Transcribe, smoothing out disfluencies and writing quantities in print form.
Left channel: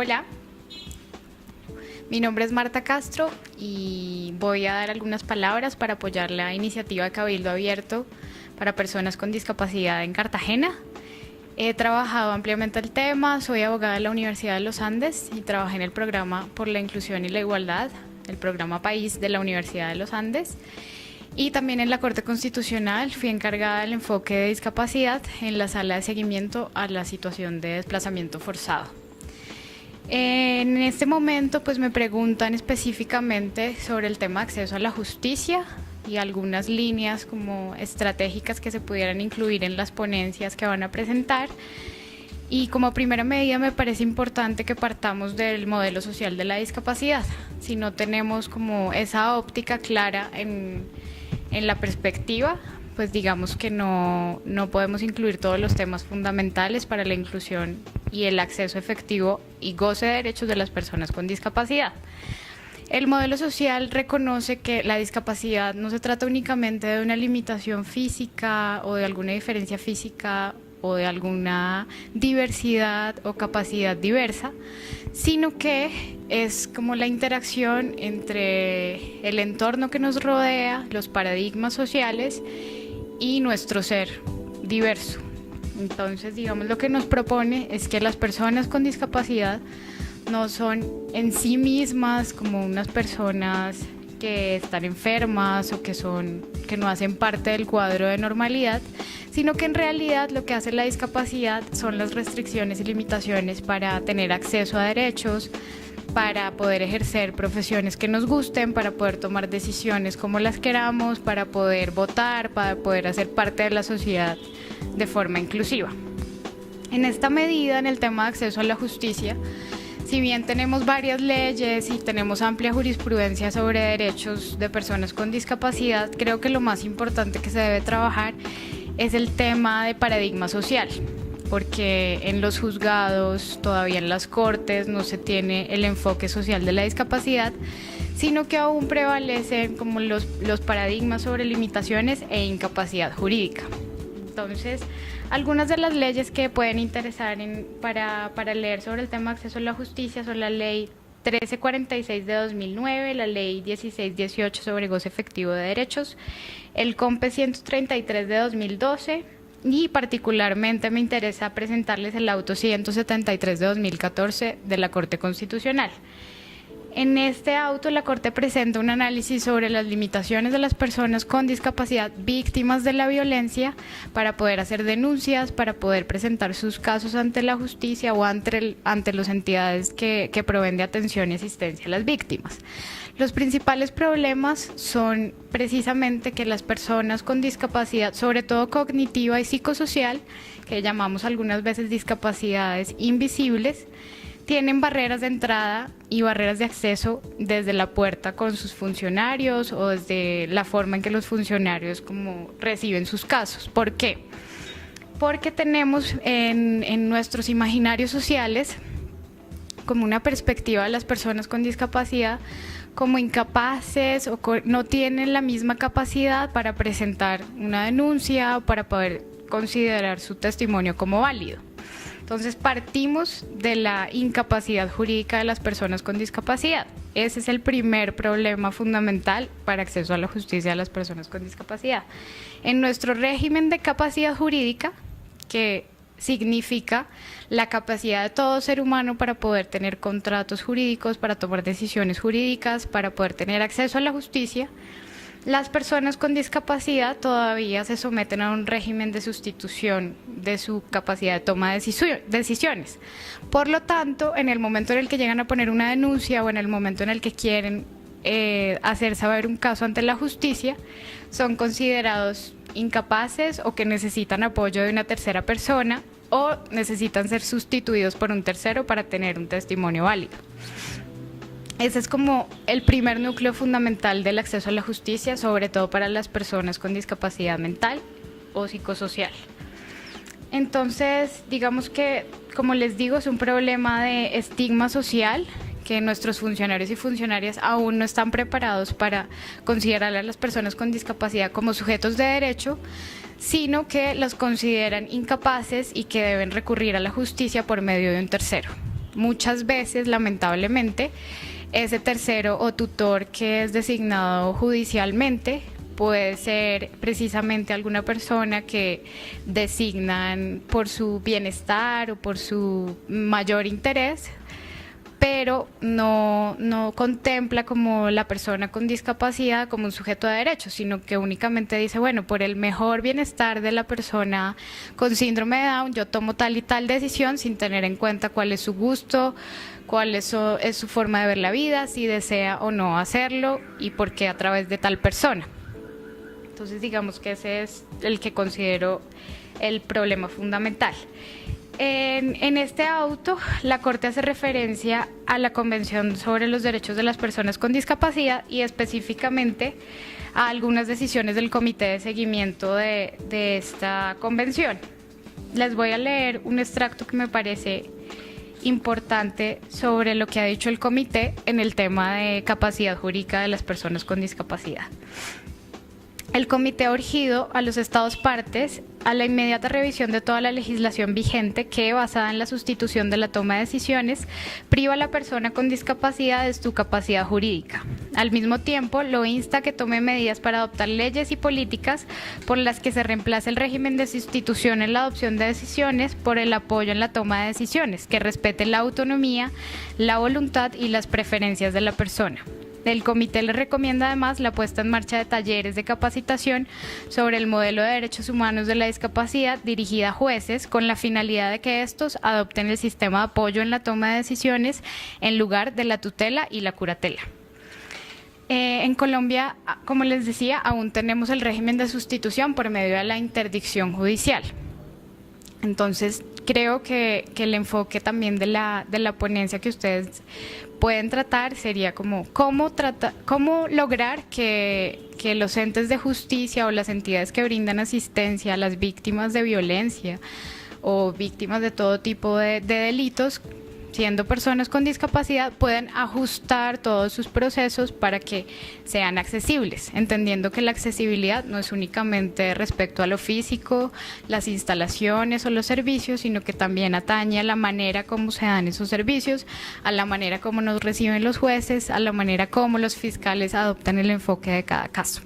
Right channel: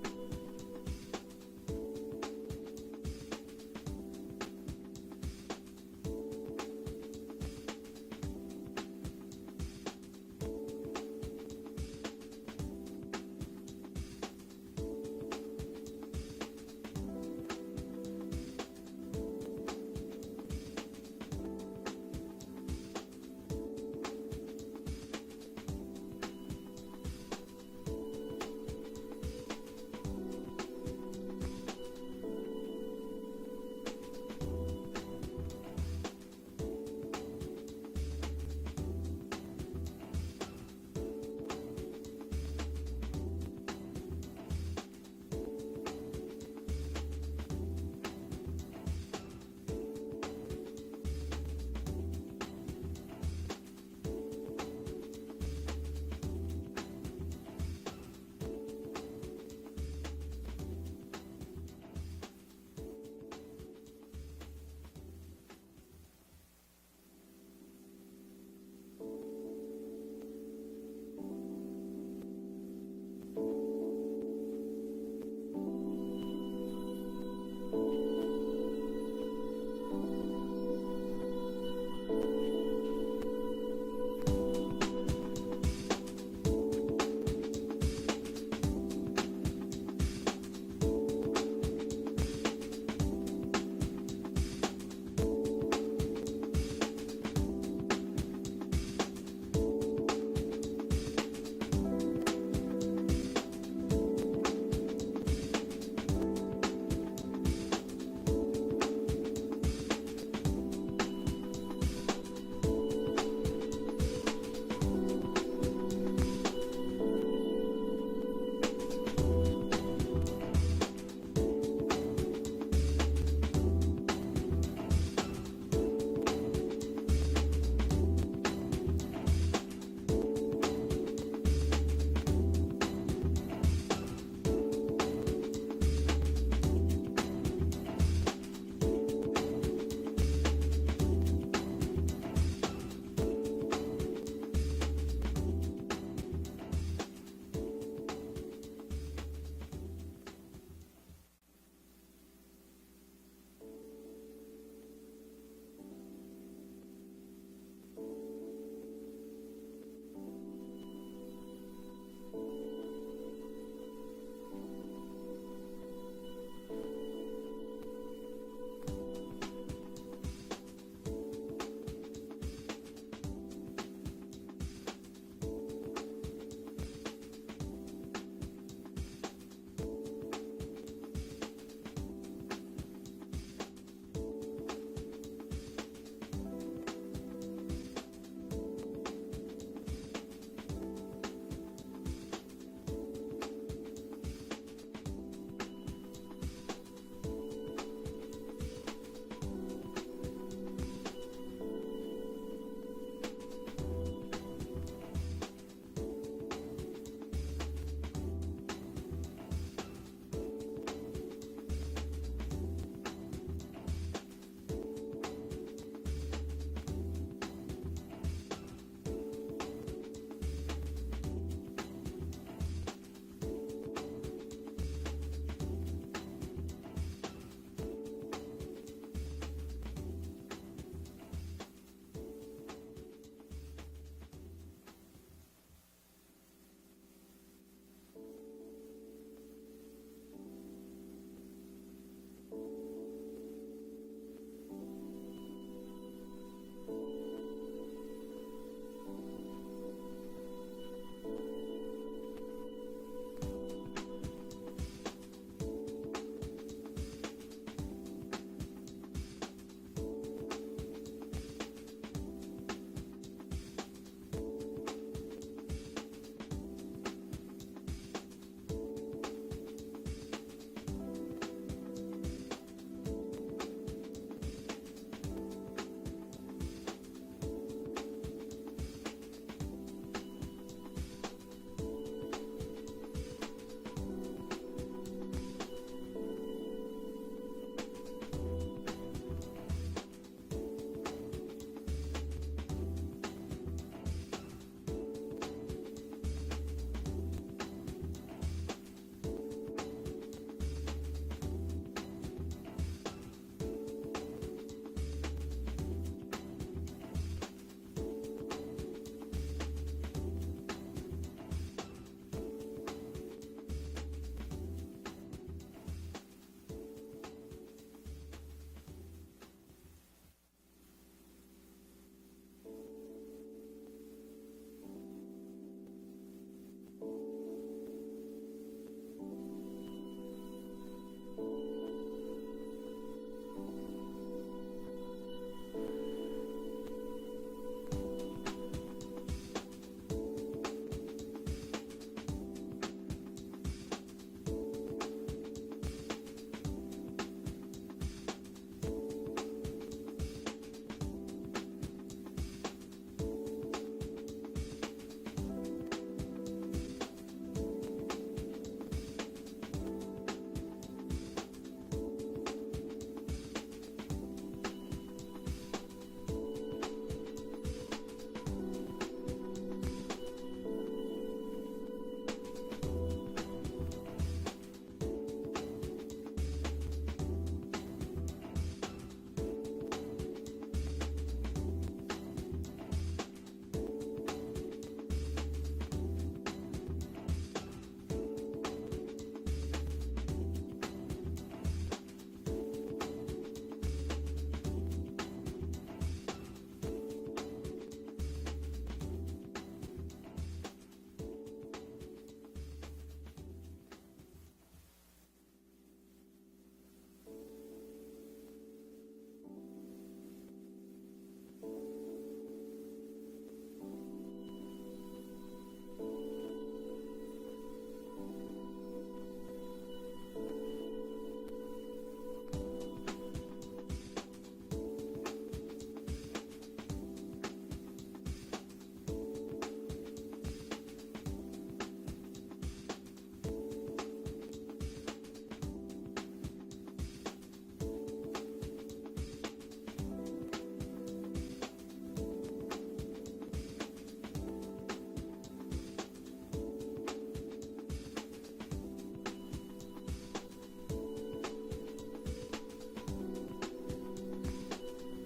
Hola, mi nombre es Marta Castro y voy a dar algunas palabras para apoyar la iniciativa de Cabildo Abierto para personas con discapacidad en Cartagena. He trabajado ampliamente el tema, soy abogada de la Universidad de los Andes y trabajé en el programa por la inclusión y la igualdad, el programa País de la Universidad de los Andes. Y también en la Corte Constitucional fui encargada del enfoque de discapacidad en la sala de seguimiento a la situación de desplazamiento forzado. En este momento pues me preguntan específicamente sobre el tema de acceso a la justicia y algunas líneas como estratégicas que se pudieran incluir en las ponencias que van a presentar. Y como primera medida me parece importante que partamos del modelo social de la discapacidad. Si no tenemos como esa óptica clara en la perspectiva, pues digamos que no podemos incluir todos los temas fundamentales para la inclusión y el acceso efectivo y goce de derechos de las personas con discapacidad. El modelo social reconoce que la discapacidad no se trata únicamente de una limitación física o de alguna diferencia física o de alguna diversidad o capacidad diversa, sino que es como la interacción entre el entorno que nos rodea, los paradigmas sociales y nuestro ser diverso. Entonces, digamos, lo que nos propone es que las personas con discapacidad no son en sí mismas como unas personas que están enfermas o que no hacen parte del cuadro de normalidad, sino que en realidad lo que hace la discapacidad son las restricciones y limitaciones para tener acceso a derechos, para poder ejercer profesiones que nos gusten, para poder tomar decisiones como las queramos, para poder votar, para poder hacer parte de la sociedad de forma inclusiva. En esta medida, en el tema de acceso a la justicia, si bien tenemos varias leyes y tenemos amplia jurisprudencia sobre derechos de personas con discapacidad, creo que lo más importante que se debe trabajar es el tema de paradigma social, porque en los juzgados, todavía en las cortes, no se tiene el enfoque social de la discapacidad, sino que aún prevalecen como los paradigmas sobre limitaciones e incapacidad jurídica. Entonces, algunas de las leyes que pueden interesar para leer sobre el tema de acceso a la justicia son la Ley 1346 de 2009, la Ley 1618 sobre goce efectivo de derechos, el COMPE 133 de 2012 y particularmente me interesa presentarles el auto 173 de 2014 de la Corte Constitucional. En este auto la Corte presenta un análisis sobre las limitaciones de las personas con discapacidad víctimas de la violencia para poder hacer denuncias, para poder presentar sus casos ante la justicia o ante las entidades que proveen de atención y asistencia a las víctimas. Los principales problemas son precisamente que las personas con discapacidad, sobre todo cognitiva y psicosocial, que llamamos algunas veces discapacidades invisibles, tienen barreras de entrada y barreras de acceso desde la puerta con sus funcionarios o desde la forma en que los funcionarios como reciben sus casos. ¿Por qué? Porque tenemos en nuestros imaginarios sociales como una perspectiva de las personas con discapacidad como incapaces o no tienen la misma capacidad para presentar una denuncia o para poder considerar su testimonio como válido. Entonces partimos de la incapacidad jurídica de las personas con discapacidad. Ese es el primer problema fundamental para acceso a la justicia de las personas con discapacidad. En nuestro régimen de capacidad jurídica, que significa la capacidad de todo ser humano para poder tener contratos jurídicos, para tomar decisiones jurídicas, para poder tener acceso a la justicia, las personas con discapacidad todavía se someten a un régimen de sustitución de su capacidad de toma de decisiones. Por lo tanto, en el momento en el que llegan a poner una denuncia o en el momento en el que quieren hacer saber un caso ante la justicia, son considerados incapaces o que necesitan apoyo de una tercera persona o necesitan ser sustituidos por un tercero para tener un testimonio válido. Ese es como el primer núcleo fundamental del acceso a la justicia, sobre todo para las personas con discapacidad mental o psicosocial. Entonces, digamos que, como les digo, es un problema de estigma social que nuestros funcionarios y funcionarias aún no están preparados para considerar a las personas con discapacidad como sujetos de derecho, sino que las consideran incapaces y que deben recurrir a la justicia por medio de un tercero. muchas veces, lamentablemente, ese tercero o tutor que es designado judicialmente puede ser precisamente alguna persona que designan por su bienestar o por su mayor interés, pero no contempla como la persona con discapacidad como un sujeto de derechos, sino que únicamente dice, bueno, por el mejor bienestar de la persona con síndrome de Down, yo tomo tal y tal decisión sin tener en cuenta cuál es su gusto, cuál es su forma de ver la vida, si desea o no hacerlo y por qué a través de tal persona. Entonces digamos que ese es el que considero el problema fundamental. En este auto, la Corte hace referencia a la Convención sobre los Derechos de las Personas con Discapacidad y específicamente a algunas decisiones del Comité de Seguimiento de esta convención. Les voy a leer un extracto que me parece importante sobre lo que ha dicho el comité en el tema de capacidad jurídica de las personas con discapacidad. El comité ha urgido a los Estados partes a la inmediata revisión de toda la legislación vigente que, basada en la sustitución de la toma de decisiones, priva a la persona con discapacidad de su capacidad jurídica. Al mismo tiempo, lo insta a que tome medidas para adoptar leyes y políticas por las que se reemplace el régimen de sustitución en la adopción de decisiones por el apoyo en la toma de decisiones, que respete la autonomía, la voluntad y las preferencias de la persona. El comité le recomienda además la puesta en marcha de talleres de capacitación sobre el modelo de derechos humanos de la discapacidad dirigida a jueces con la finalidad de que estos adopten el sistema de apoyo en la toma de decisiones en lugar de la tutela y la curatela. En Colombia, como les decía, aún tenemos el régimen de sustitución por medio de la interdicción judicial. Entonces, creo que el enfoque también de la ponencia que ustedes pueden tratar sería como cómo lograr que los entes de justicia o las entidades que brindan asistencia a las víctimas de violencia o víctimas de todo tipo de delitos, siendo personas con discapacidad, puedan ajustar todos sus procesos para que sean accesibles, entendiendo que la accesibilidad no es únicamente respecto a lo físico, las instalaciones o los servicios, sino que también atañe a la manera como se dan esos servicios, a la manera como nos reciben los jueces, a la manera como los fiscales adoptan el enfoque de cada caso.